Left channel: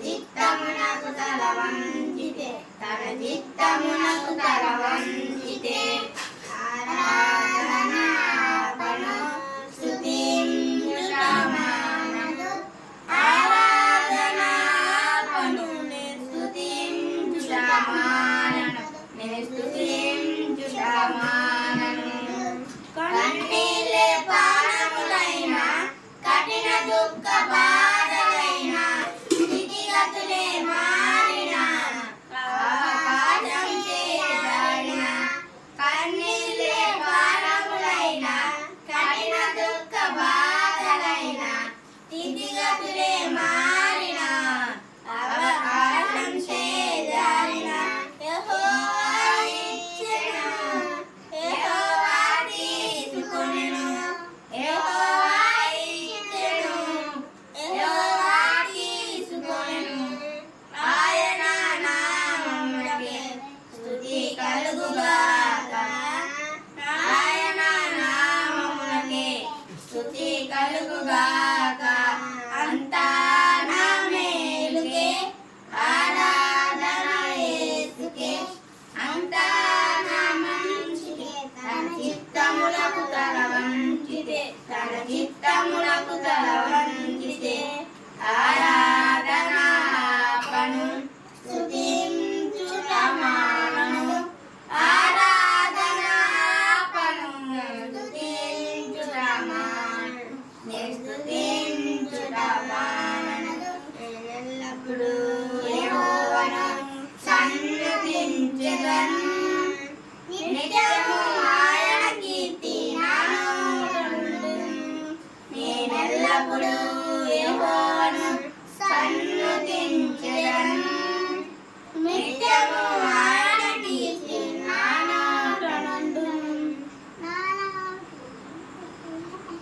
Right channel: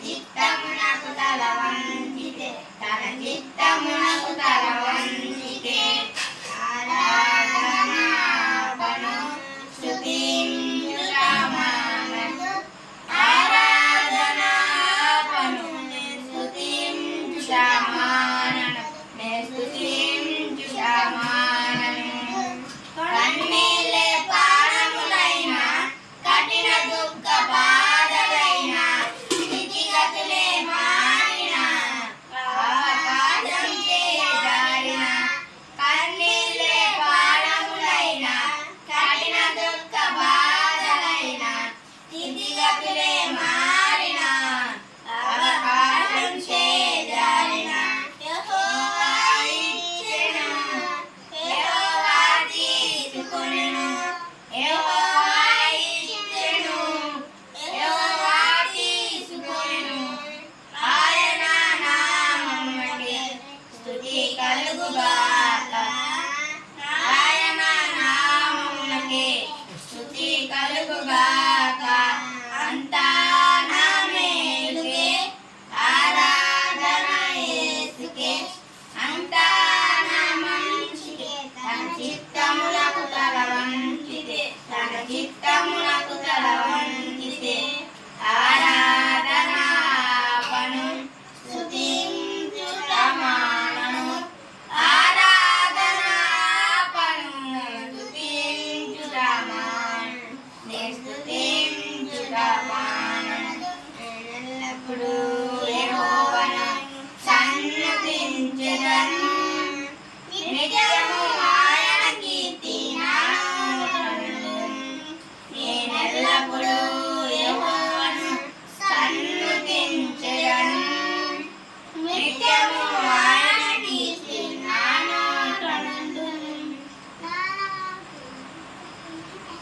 చిత్తమునకు తల వంచితే తన చిత్తమునకు తల వంచితే కఠిన దుఃఖ Kaya ko ba? దేవుడు సన్నతించు.